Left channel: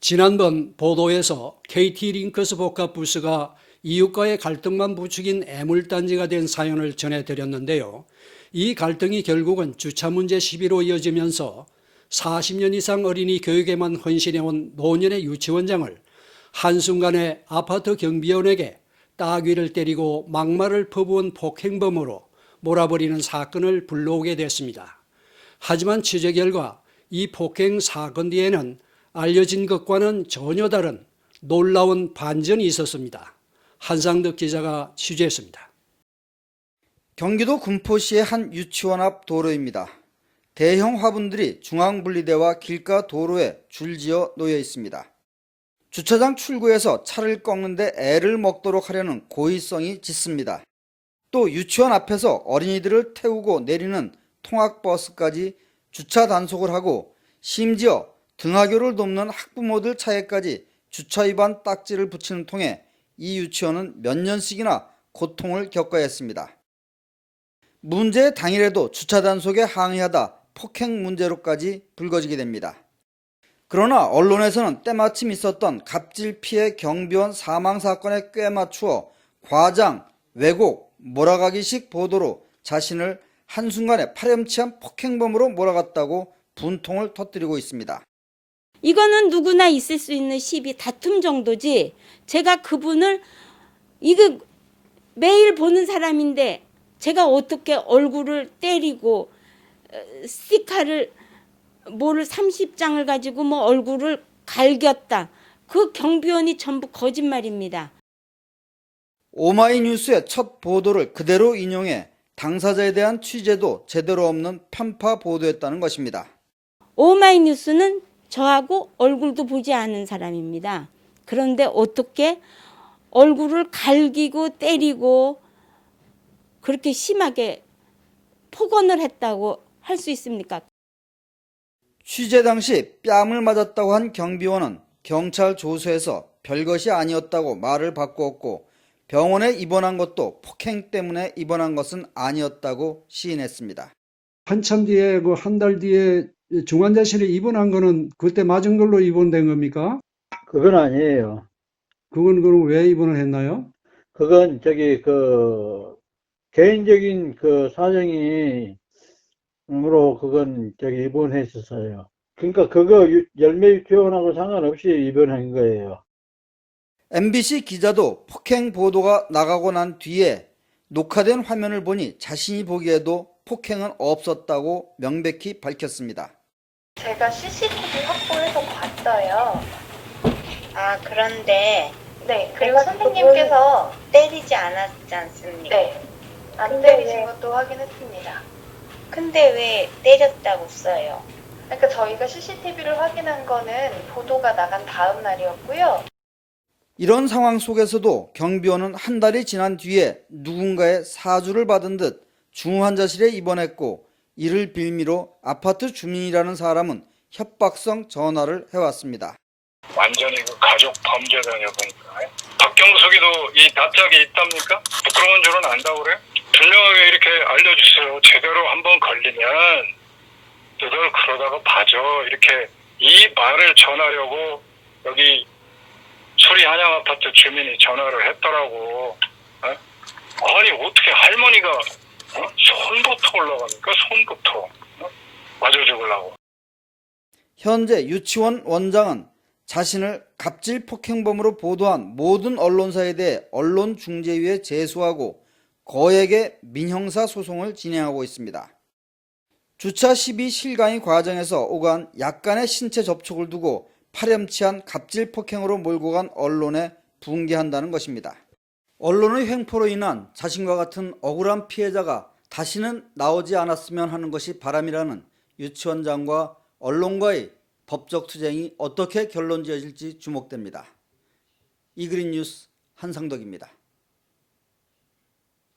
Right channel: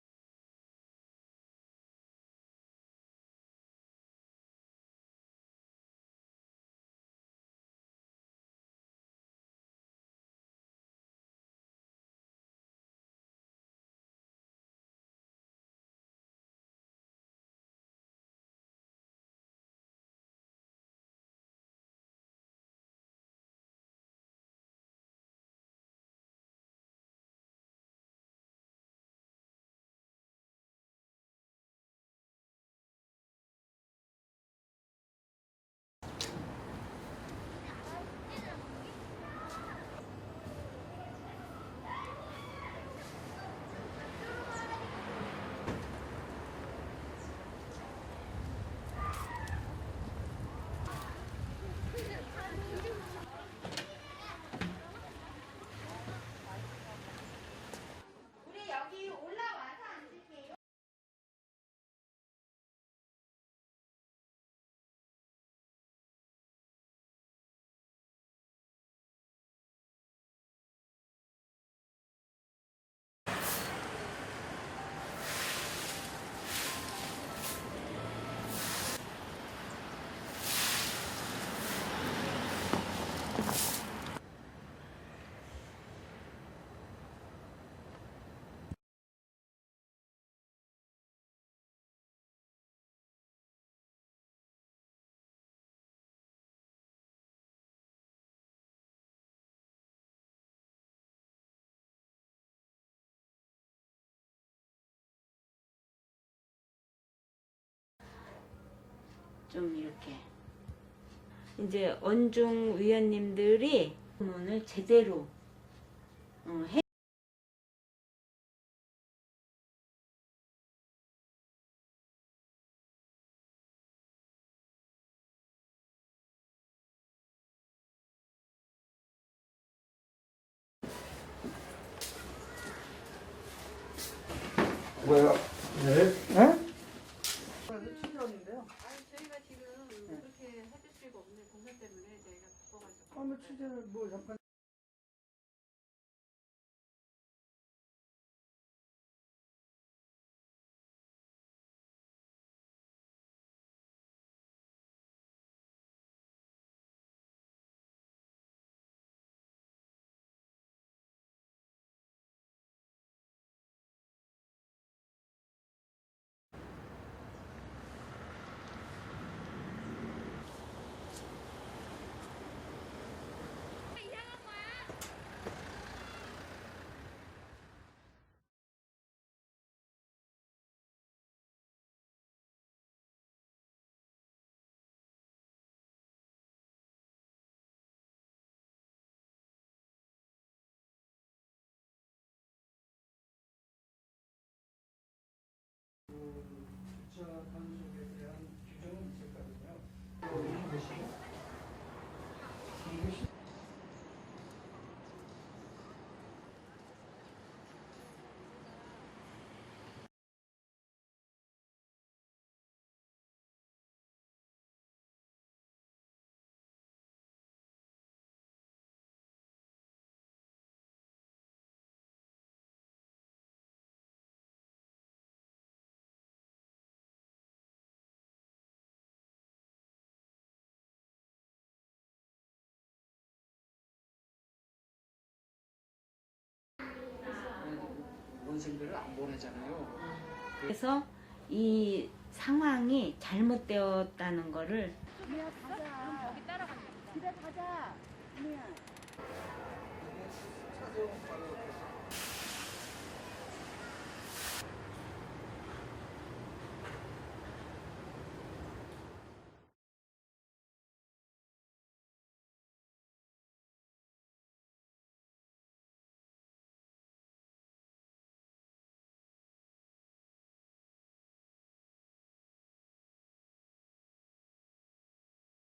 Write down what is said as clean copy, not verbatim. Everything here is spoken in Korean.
지난번 보도에서 KT링커스 복합부스가 이웃과의 갈등만 부추긴 애물단지가 된 사연을 전해드렸는데요. 이 갈등이 결국은 주차 문제 시비로 이어지면서 40년 이상 어린이 교육에만 헌신해온 노년의 유치원장을 한순간에 아파트 경비원에게 따귀를 때리고 막말을 퍼부은 폭행범으로 몰아버리는 사건을 불러오게 됐습니다. 하지만 취재 결과 이 폭행 사건 뒤에는 알려진 것과는 전혀 다른 놀라운 반전이 있었습니다. 한상덕 기자가 취재했습니다. 경기도 군포시의 한 유치원 앞 도로입니다. 대형 화분들이 중앙분리대와 길가 도로에 줄지어 놓여 있습니다. 주차장 출구에서 차를 꺾는데 애를 먹도록 하려는 고의성이 짙습니다. 또 유치원 앞에서 어린이들을 태우고 내리는 통학버스까지 주차 단속을 하고 심지어 등하교를 돕는 학부모들 차에까지 주차 위반 딱지를 붙이는 통에 이 유치원은 몇 년씩이나 고통을 겪어야 했습니다. 문제 당일에도 주차 단속에 항의하다 폭행 문제로까지 불거지게 됩니다. 그러나 언론에서는 때마침 있었던 갑질 피해 경비원 사망 사건에 꿰맞추어 과장, 왜곡, 몰아가기식 보도로 자신을 한순간에 파렴치한 폭행범으로 몰아갔다고 분통을 터뜨리고 있습니다. 이거는 누구나 있을 수 있는 시비 다툼 정도지, 제가 그분을 이거 매일 보는 사람인데 제가 어떻게 얼굴을 때리고 스티커를 뭐를 30장을 가지고 뭐 얼굴을 갈겼다. 그 경비원이 전부 거짓말입니다. 오마이뉴스의 첫 보도를 그대로 인용해 당사자에 대한 취재도 제대로 없는 편파 보도였다는 것입니다. 오마이뉴스는 저하고 얼굴도 보지 않은 사람입니다. 그런데 어떻게 얼굴을 갈기고 때리고 그렇게 심하게 폭언을 했다고 할 수 있습니까? 취재 당시 뺨을 맞았다고 한 경비원은 경찰 조수에서 별것이 아니었다고 말을 바꾸었고, 병원에 입원한 것도 폭행 때문에 입원한 것은 아니었다고 시인했습니다. 한참 뒤에 한 달 뒤에 중환자실에 입원한 거는 그때 맞은 걸로 입원된 겁니까? 그건 아니에요. 그건 그럼 왜 입원을 했나요? 그건 개인적인 사정이 으로 그건 입원했었어요. 그러니까 그거 열매 유치원하고 상관없이 입원한 거예요. MBC 기자도 폭행 보도가 나가고 난 뒤에 녹화된 화면을 보니 자신이 보기에도 폭행은 없었다고 명백히 밝혔습니다. 제가 CCTV 확보해서 봤어요. 아, 그런데 네, 그리고 선생님께서 때리지 않았지 않습니까? 네, 안 근데 때리신 왜- 것도 확인했습니다. 근데 왜 때렸다고 써요? 그러니까 저희가 CCTV를 확인한 거는 보도가 나간 다음 날이었고요. 이런 상황 속에서도 경비원은 한 달이 지난 뒤에 누군가의 사주를 받은 듯 중환자실에 입원했고, 이를 빌미로 아파트 주민이라는 사람은 협박성 전화를 해왔습니다. 완전히 가족 범죄자냐 보니까. 박경석이도 이 납작이 있답니까? 부끄러운 줄은 안다고 그래요? 분명하게 이렇게 알려주세요. 제대로 한번 걸리면 너들 그러다가 봐줘. 이렇게 이 말을 전하려고 여기 수리 한양 아파트 주민이 전화를 했더라고. 아니 어떻게 할머니가 손부터 올라갑니까? 손부터 맞아 죽으려고. 현재 유치원 원장은 자신을 갑질 폭행범으로 보도한 모든 언론사에 대해 언론중재위에 제소하고 거액의 민형사 소송을 진행하고 있습니다. 주차 시비 실강의 과정에서 오간 약간의 신체 접촉을 두고 파렴치한 갑질 폭행으로 몰고 간 언론에 분개한다는 것입니다. 언론의 횡포로 인한 자신과 같은 억울한 피해자가 다시는 나오지 않았으면 하는 것이 바람이라는 유치원장과 언론과의 법적 투쟁이 어떻게 결론 지어질지 주목됩니다. 이그린 뉴스 한상덕입니다.